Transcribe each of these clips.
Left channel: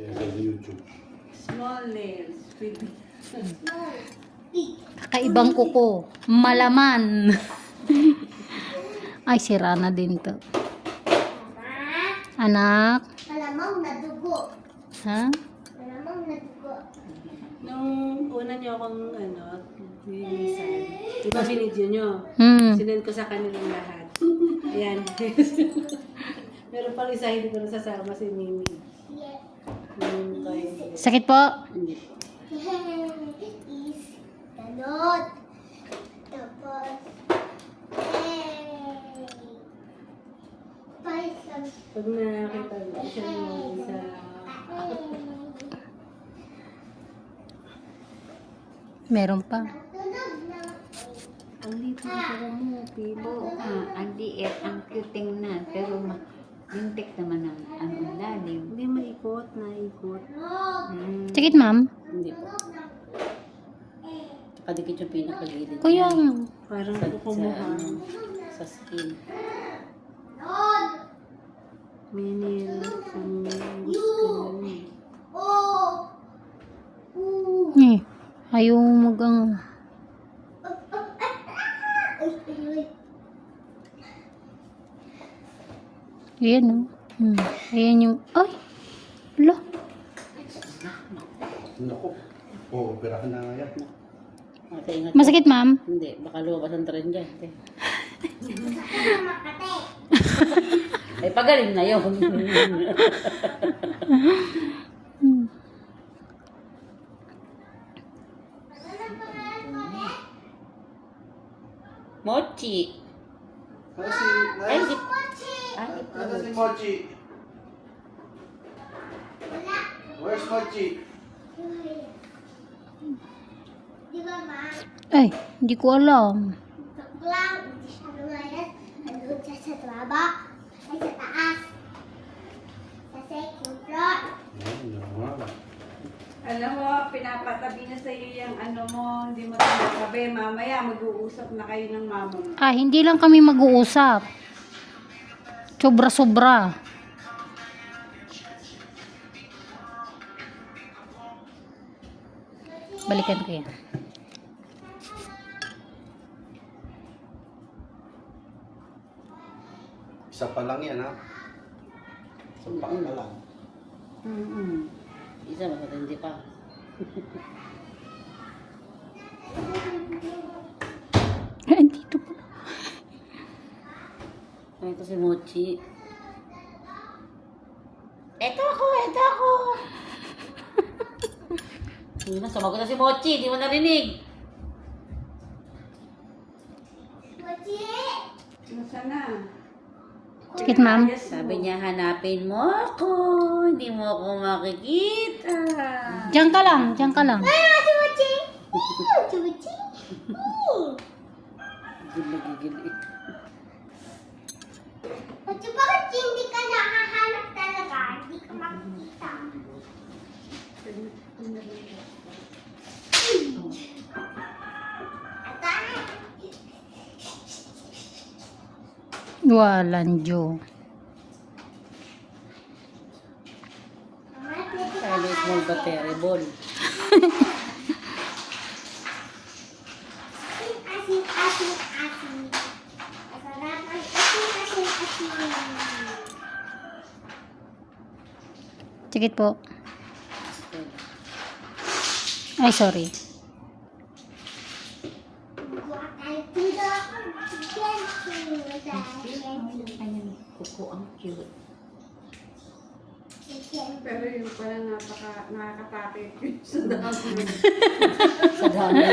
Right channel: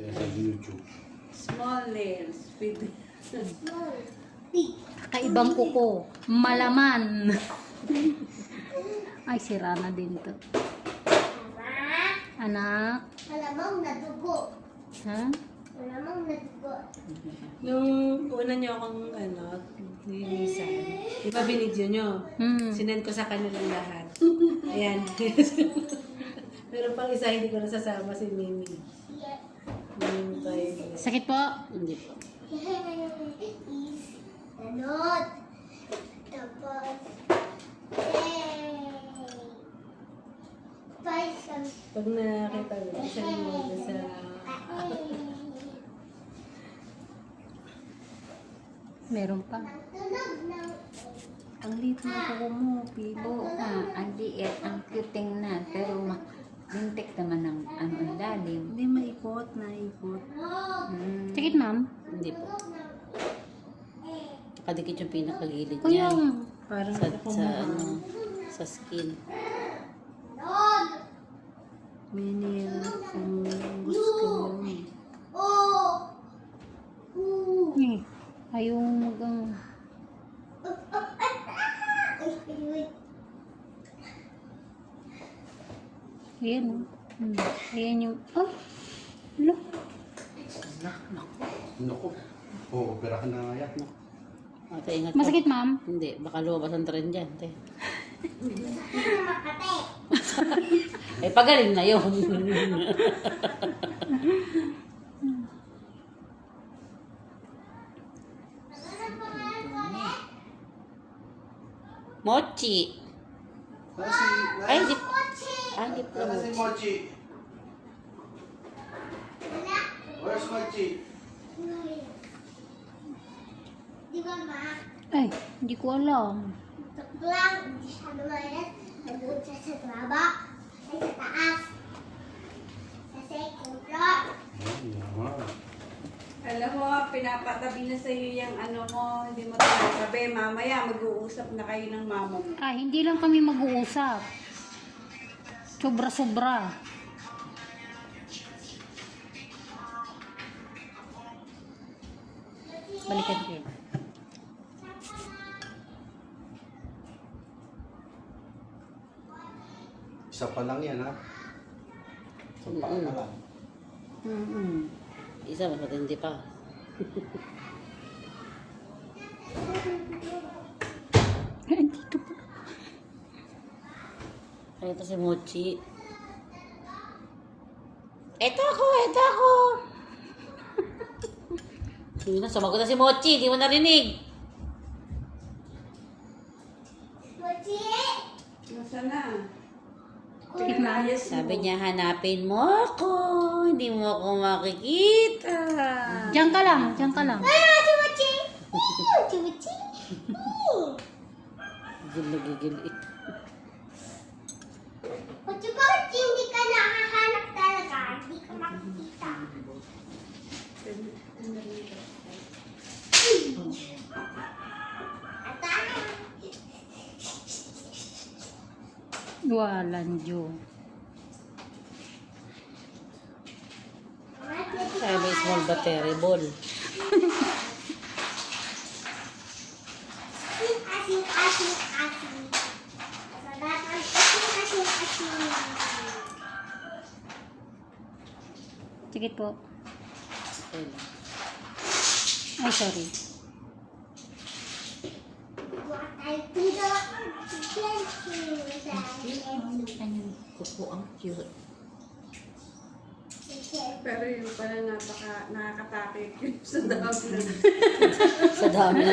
Sa YouTube. Small nails. With Small. Big. Kaibang kuko. Malaman. Ay, sira na din to. Anak. Malamang na dugo. Ha? Malamang na dugo. Nung una niyo akong ano, nilisan. Di ba binidyo niyo? Hmm. Sinend ko sa kanilang lahat. Ayan. Meron pang isa hindi ko nasasama si Mimi. Sakit po? Hindi po. is tanot. Tapos, hey. Paisang. Pag nakita ko siya sa... Meron pa. Ang liit ng kuko mo, pilo. Ah, ang liit, ang cute tingnan. Pero ma- lintik naman ang ano, ang lalim. Hindi maikot, naikot. tunog. Sakit, ma'am? Hindi po. Tunog ng Kadikit yung pinakagilid Kuya. niya. Parang Sa, ako sa, ano, sa skin. May nila kung gusto mo. Oh. Eh, ayaw mag ang... Ay, ay, ay. Ayan, oh. Hmm. Ayan yung... Ay! Naku. Oo, operahan na nga yan. Ingat. Masakit, ma'am? Hindi, baka lumabas ang trend dyan. te. Sakit na makate. Eh, pagaling na yun. Mochi. Ano si... Ay, di, Mochi. ah, di po. Si Mochi? Where's Mochi? Ay. Di ba, ma? Ay, hindi ko alam. Tok lang, hindi siya lumalas. Nandun siya sa traba. Ay, sa taas. Sa second floor. Alam mo, pinapatabi na sa'yo yung ano mo, hindi mo tinatabi. Mamaya, mag-uusap na kayo ng mama mo. Ah, hindi lang kami mag-uusap. Sobra-sobra. Balikan ko yan. Isa pa lang yan, ha? Isa pa na lang. Mm-mm. Isa, mas matindi pa. Ay, dito po. Ay, ito si Mochi. Eto ako, eto ako. Hindi na, sumagot na si Mochi. Di mo narinig. Mochi! Musta na? Sakit, ma'am? Mo. Sabi niya, hanapin mo ako. Hindi mo ako makikita. Diyan ka lang, diyan ka lang. Ah, si Mochi! Mochi, Mochi! Gigil na gigil ito. Mochi, bakit hindi ka nakahanap talaga? Hindi ka makikita. Ito asin. Masarap ang asin, asin, asin. Sakit po. Ay, sorry. Pero yun pala napaka, nakakatakit sa dami. Sa dami.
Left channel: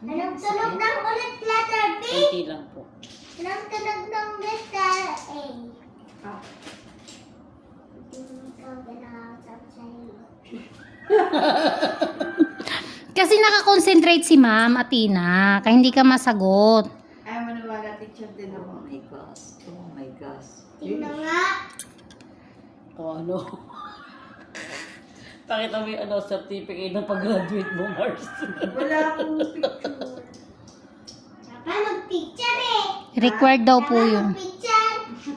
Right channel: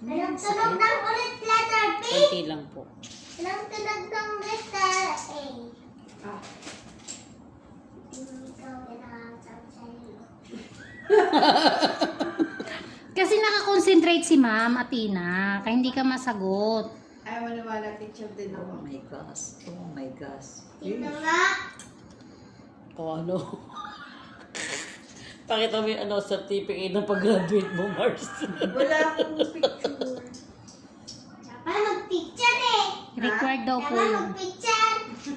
Anong tunog ng ulit letter B? Kunti lang po. Anong tunog ng letter A? Ah. Kasi nakakonsentrate si ma'am, Atina. Kaya hindi ka masagot. Ayaw maniwala teacher din ako. Oh my gosh. Oh my Tingnan nga. Kung ano. Pakita mo yung ano, certificate ng pag-graduate mo, Mars. Wala akong picture. Dapat mag-picture eh. Required daw po Dapat yun. mag-picture.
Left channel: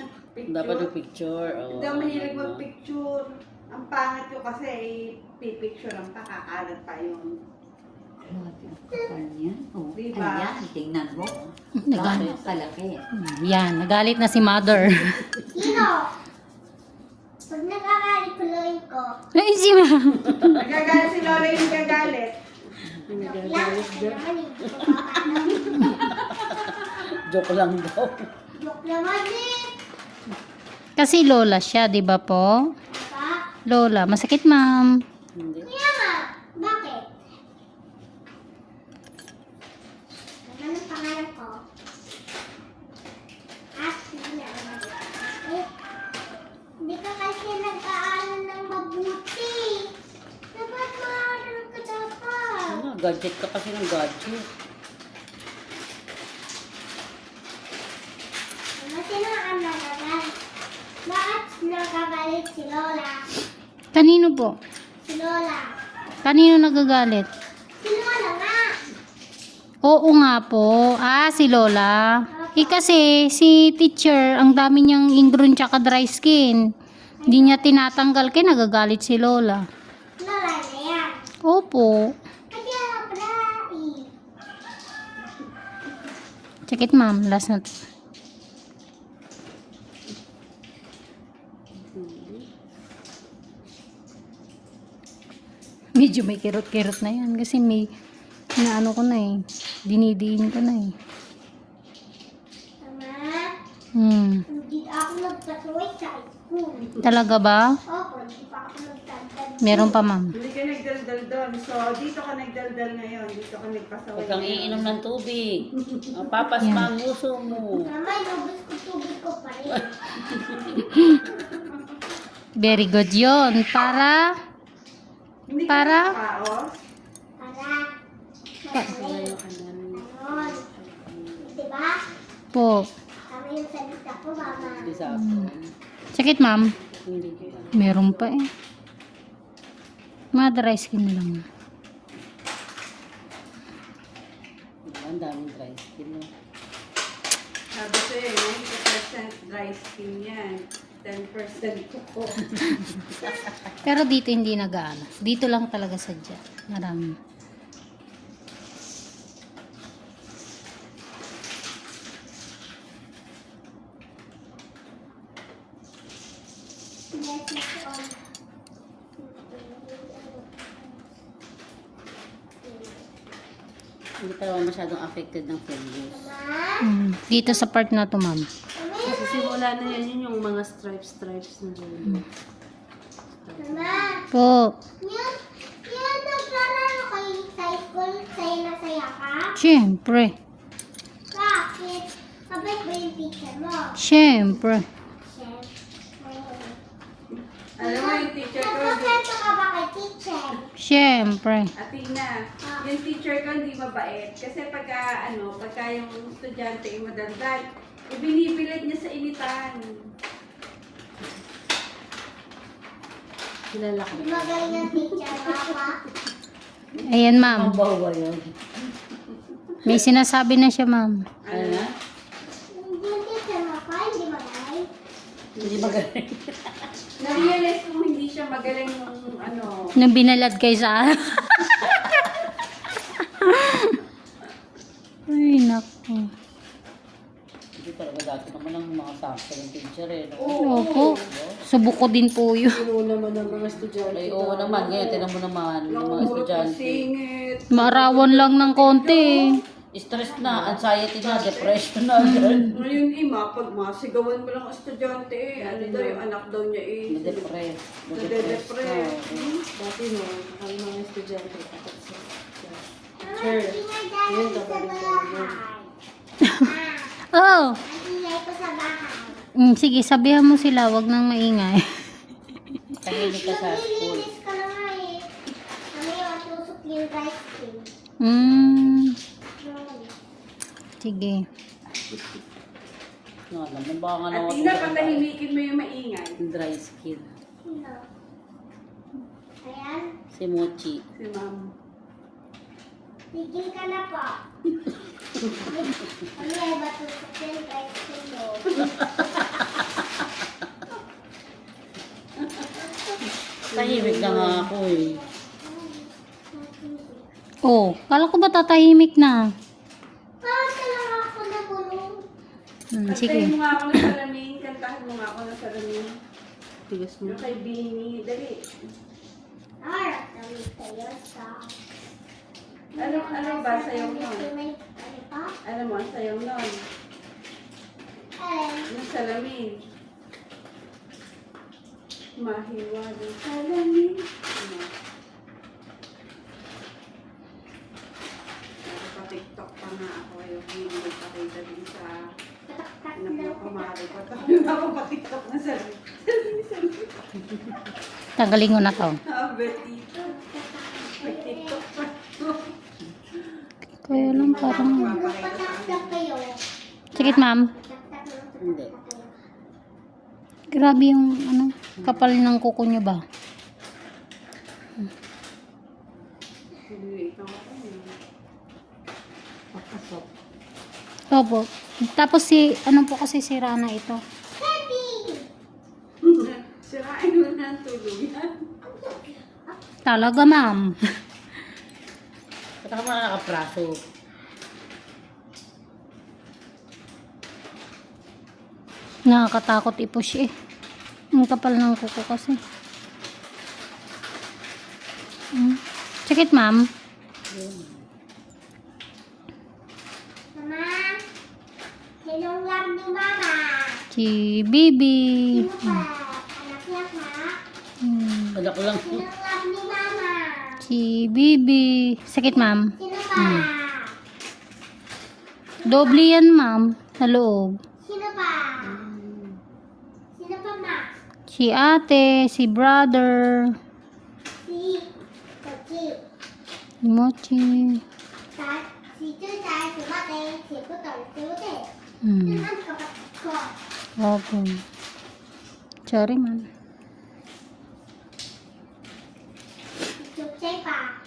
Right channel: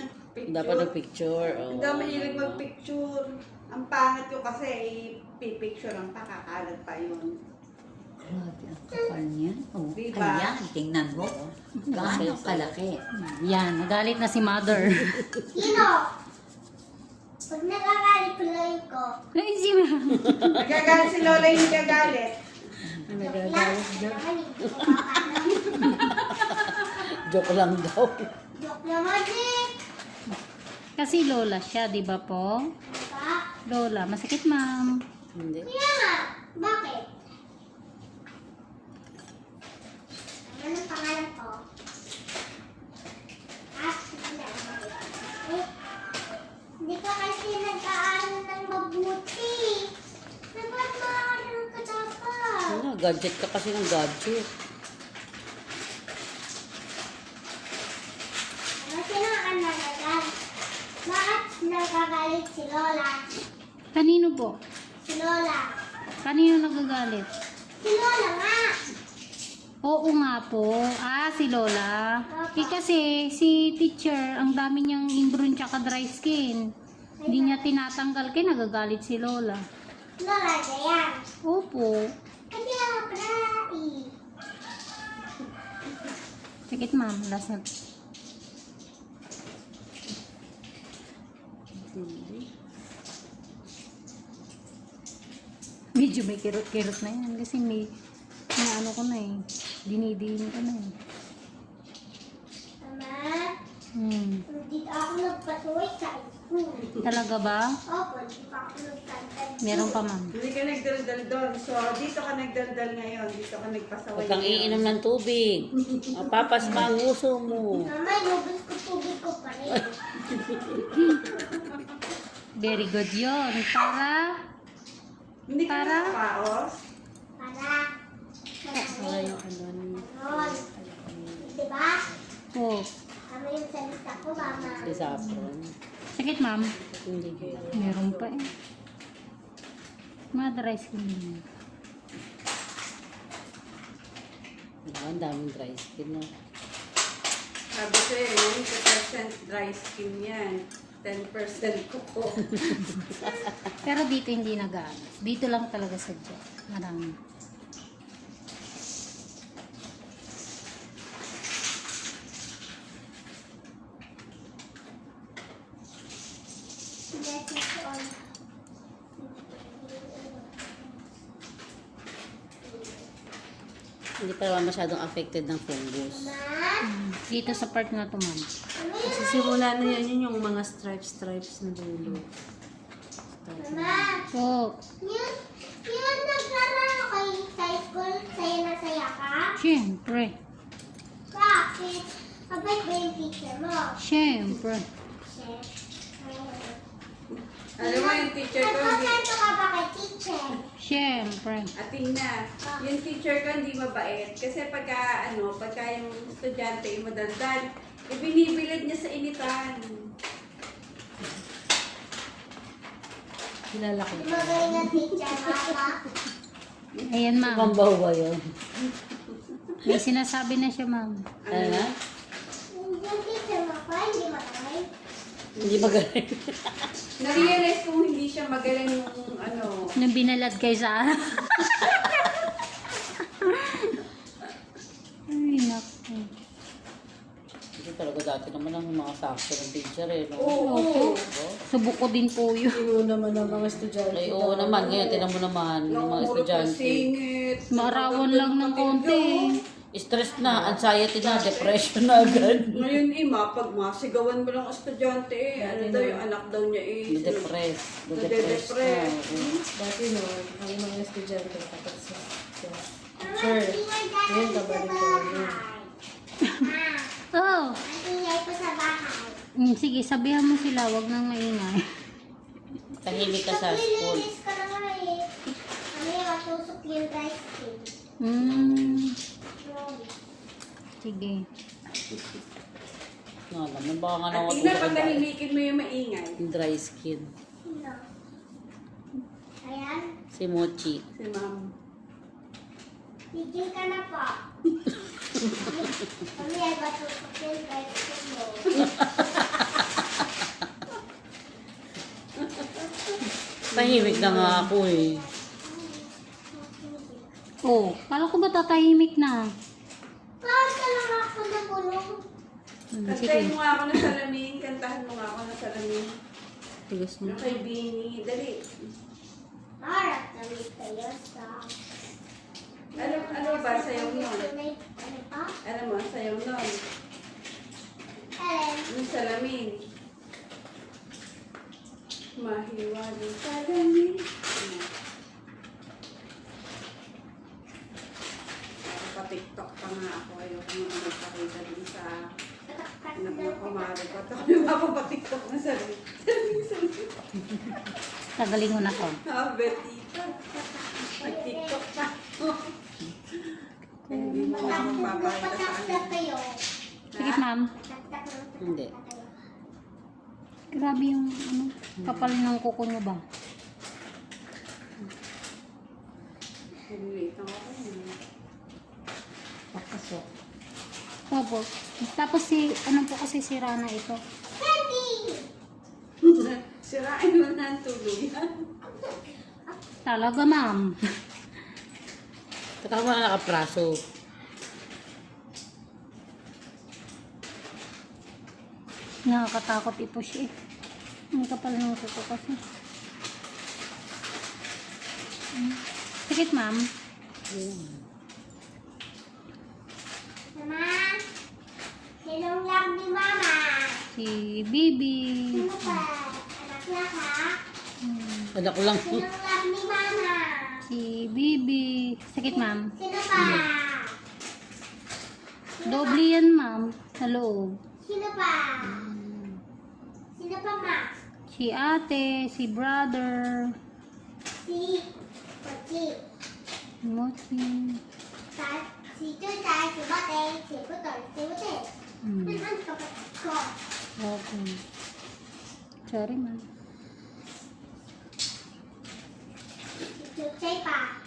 Dapat ng picture. Oh. Hindi ako mahilig mag-picture. Ang pangit ko kasi, pipicture ang pakakalat pa yun. Grabe, ang kapal niyan. Oh, Diba? Ayan, tingnan mo. Gaano kalaki. Yan, nagalit na si mother. Sino? Pag nakakalikulay ko, Ay, si ma'am. Nagagalit si Lola yung nagagalit. joke lang. Naman, hindi ko makakaalam. Joke lang daw. Joke naman eh. Kasi lola siya, di ba po? Lola, masakit ma'am. Hindi. Kaya nga, bakit? Ano ang pangalan ko? Ah, sige na. Eh, Hindi ka kasi nag-aaral ng mabuti. Dapat maaral ka dapat. Ano, gadget ka kasi ng gadget. Ano sino ang nagagalit? Bakit nagagalit si Lola? Kanino po? Si Lola. Kanino nagagalit? Si Lola nga. Oo nga po. Ah, si Lola. Eh kasi, si teacher, ang dami niyang ingrown tsaka dry skin. Hindi niya tinatanggal kaya nagagalit si Lola. Lola na yan. Opo. Kaya pala eh. Check it ma'am. Last na. Medyo may kirot-kirot na yan kasi may na ano ko na eh. Dinidiin ko na eh. Mama, Hmm. hindi ako nagpatuloy sa school. Talaga ba? Opo, hindi pa ako nagtantad. Meron pa ma'am. Hindi ka nagdaldal doon. So, dito ka nagdaldal ngayon. Dito ka nagpasaway. Huwag kang iinom ng tubig. Mapapas pa ang uso mo. Mama, lubos ko tubig ko pa rin. Very good yon Para, Hindi ka Para? nagpaos. Para, yung ano. Ganon. Diba? po. Tama yung salita ko, mama. Isa ako. Check it ma'am. Meron pa eh. Mga dry skin na lang. Ang daming dry skin mo. Sabi ko eh, 90% dry skin yan. 10% kuko. Pero dito hindi nag-ano. Dito lang talaga sadya. Marami. Yes, it's on. Hindi ka naman masyadong affected ng fungus. Mama, Mm. Dito sa part na to ma'am. Kasi simula na yan yun yung mga stripes-stripes na dulo. Mama, Po. yun, yun nagkaroon ako yung sa school, saya na saya ka? Siyempre. Bakit? Kabait ba yung teacher mo? Siyempre. Alam mo yung teacher ko, hindi, Nagkakwento ka ba kay teacher? Siyempre. Atina, yung teacher ko hindi mabait. Kasi pagka, ano, pagka yung estudyante yung madaldal, ibinibilad niya sa initan. Kilala ko magaling ang teacher mo pa? Ayan ma'am. Ang bawa yun. May sinasabi na siya ma'am. Ano na? Yung teacher mo pa, hindi magaling. Hindi magaling. Na-realize kong hindi siya magaling yung, ano, Nung binalad kay sa Ay, naku. Hindi talaga dati naman ang mga sakto ng picture eh. Opo. Subok ko din po yun. Yung naman ng mga estudyante. Ay, oo naman. Ngayon, tinan mo naman. Yung mga estudyante. singit. Marawan lang ng konti. Stress na, anxiety na, depression na. ganun. Ngayon, ima, pag masigawan mo lang estudyante, eh, ano daw yung anak daw niya eh. Depress. Nade-depress. Dati no, ang mga estudyante kapag sa ingay dahil Ngayon, sa kabalik ka. Ah, Oh. sa. Mm, sige, sabihan mo sila, wag nang maingay. Tahimik ka sa Sige. Ano ba nga At tingnan, patahimikin mo yung maingay. Dry skin. Ayan. Si Mochi. Si Ma'am. Tigil ka na po. Ano ay matutukin kahit sa mo. Tahimik na nga ako eh. Oh, kala ko ba tatahimik na? Hmm, Kantahin sige. mo nga ako ng salamin. Kantahan mo nga ako ng salamin. Tigas mo. Yung kay Bini. Dali. Harap namin kayo sa... Ano, ano ba sayaw nun? Ano pa? Ano mo, ang sayaw nun. Alin? Yung salamin. Mahiwagang salamin. Hmm. Nakatiktok pa nga ako. Ayoko yung magpakita din sa na kumari ko. Kami mapapatiktok na salamin. Salamin, salamin. Tanggalin ko na to. Sabi, tita. Pag-tiktok ka. Kaya lang parang... Patak na kayo. Sige, ma'am. Na Hindi. Grabe yung ano, kapal ng kuko niyo ba? Nalilate ako eh. Papasok. Opo. Tapos si, ano po kasi si Rana ito? Sirain mo na ang tuluyan. Talaga, ma'am. Saka mo na nakapraso. Nakakatakot i-push eh. Ang kapal ng kuko kasi. Sakit, ma'am. Mama, sinong lang ni Mama? Si Bibi. Sino pa? Anak na ka? Hmm. Anak lang. Sinong lang ni Mama? Si Bibi. Sakit, ma'am. Sino pa? Doble yan, ma'am. Sa loob. Sino pa? Sino pa, Ma? Si ate, si brother, Si Mochi. Sa, si Chuchay, si Mate, si Putol, si Mute. Hmm. Sino ang kapatid ko? Opo. Sorry, ma'am. Si Chuchay pa.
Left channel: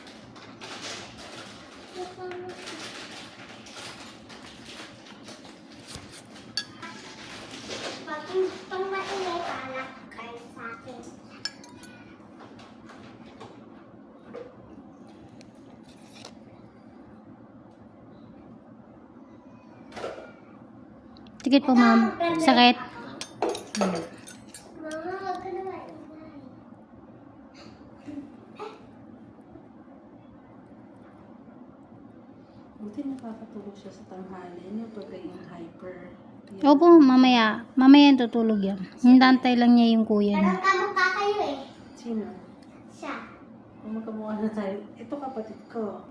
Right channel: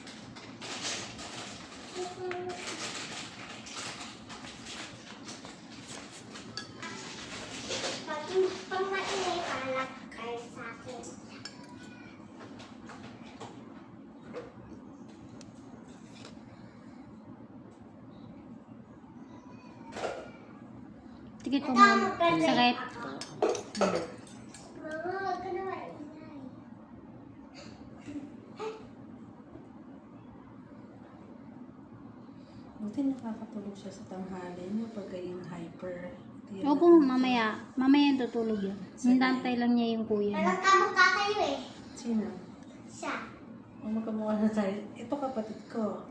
Pag pag maingay, palak kayo sa akin. Tikit po, ma'am. Sakit. Maingay. Buti nakakatulog siya sa tanghali niya pag yung hyper. Opo, mamaya. Mamaya tutulog yan. Hintantay lang niya yung kuya niya. Parang kamukha kayo eh. Sino? Siya. Kumakamuha na tayo. Ito kapatid ko.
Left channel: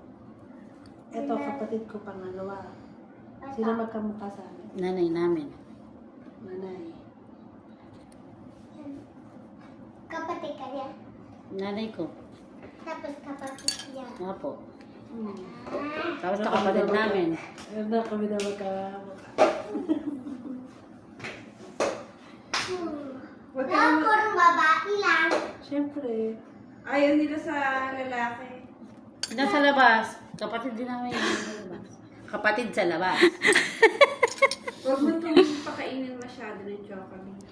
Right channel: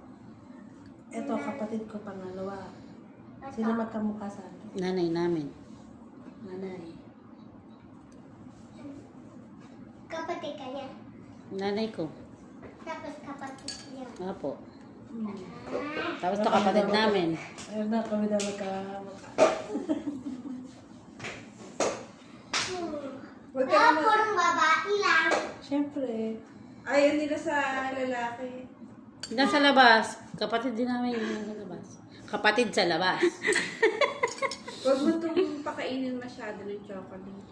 Ito kapatid ko pangalawa. Sino magkamukha sa amin? Nanay namin. Nanay. Kapatid kaya. Nanay ko. Tapos kapatid niya. Apo. Hmm. Tapos na kapatid namin. Ayun na kami na magkamukha. Hmm. Huwag ka Wala naman. purong babae lang. Siyempre. Ayaw nila sa lalaki. Nasa labas. Kapatid din namin. Kapatid sa labas. Huwag mo itong pakainin masyado ng chocolate.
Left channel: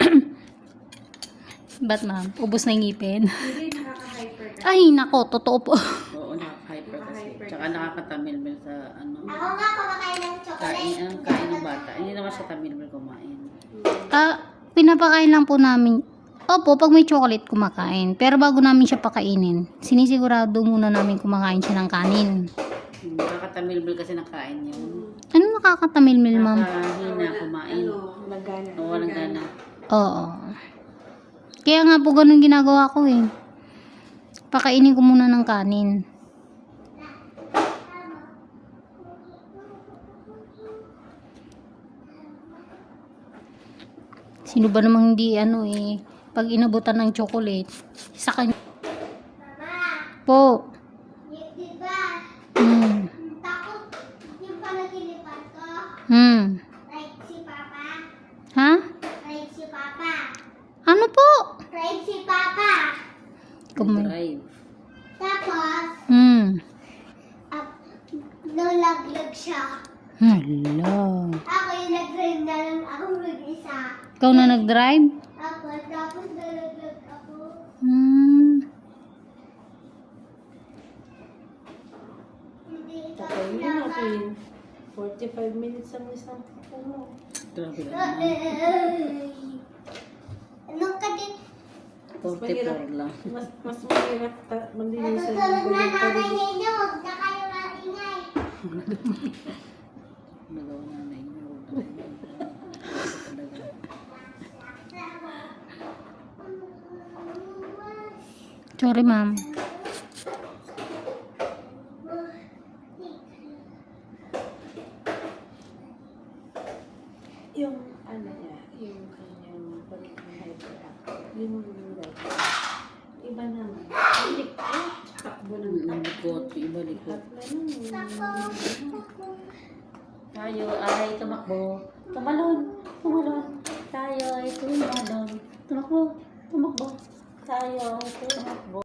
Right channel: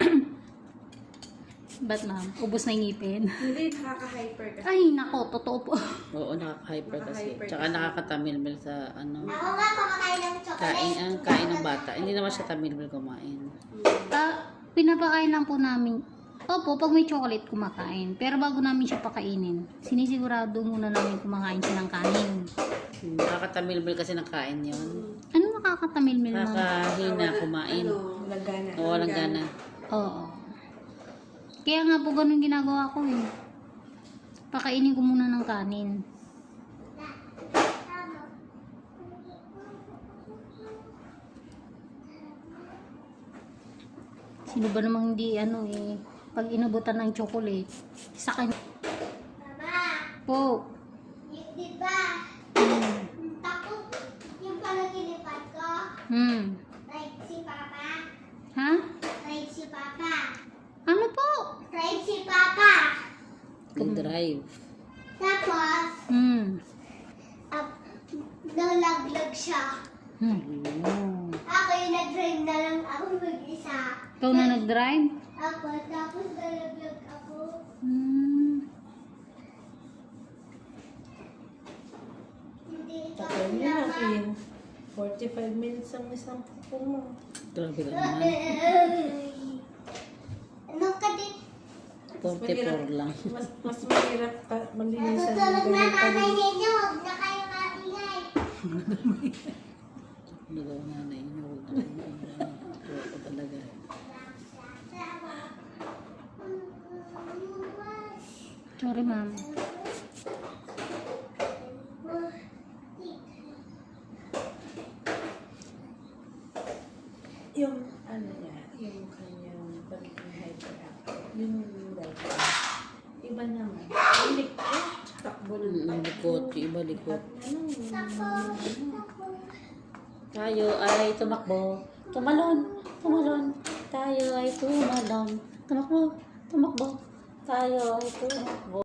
Ba't, ma'am? Ubus na yung ngipin. Hindi, nakaka-hyper ka. Ay, nako. Totoo po. Oo, nakaka-hyper kasi. Nakaka-hyper Tsaka kasi. nakakatamilmil sa ano. Ako nga kumakain ng Kain, chocolate. ang kain ng bata. Hindi naman siya tamilmil kumain. Ah, pinapakain lang po namin. Opo, pag may chocolate, kumakain. Pero bago namin siya pakainin, sinisigurado muna namin kumakain siya ng kanin. Nakakatamilmil kasi ng kain yun. Ano nakakatamilmil, ma'am? Nakahina kumain. Ano, Lagana. Oo, walang gana. Oo. Kaya nga po ganun ginagawa ko eh. Pakainin ko muna ng kanin. Sino ba namang hindi ano eh, pag inabutan ng chocolate, sa kanya Mama, po. Hmm. Takot yung panaginip ko. Hmm. Right si Papa. Ha? Right si Papa. Ano po? Right si Papa. Kum- Drive. Tapos, Hmm. uh, nalaglag siya. Hello. Ako yung nag-drive na lang ako mag-isa. Ikaw na nag-drive? Tapos, tapos nalaglag ako. Hmm. Alam niyo na, Queen. 45 minutes ang isang puno. Grabe ka naman. Ano ka din? 44 lang. Mas, mas mahirap pa Tutulog ng na ganyan pa nanay rin. ninyo. Huwag na kayo maingay. Nagawa na na inyo. Huwag na kayo. Talaga. Sorry, ma'am. Yung ano niya, yung kanyang pagiging hyperactive. Yung dati. Iba naman. Ilik ko. Takbo ng Ang Ano? Tayo ay tumakbo. Tumalon. Tumalon. Tayo ay tumalon. Tumakbo. Tumakbo. Tayo ay tumakbo.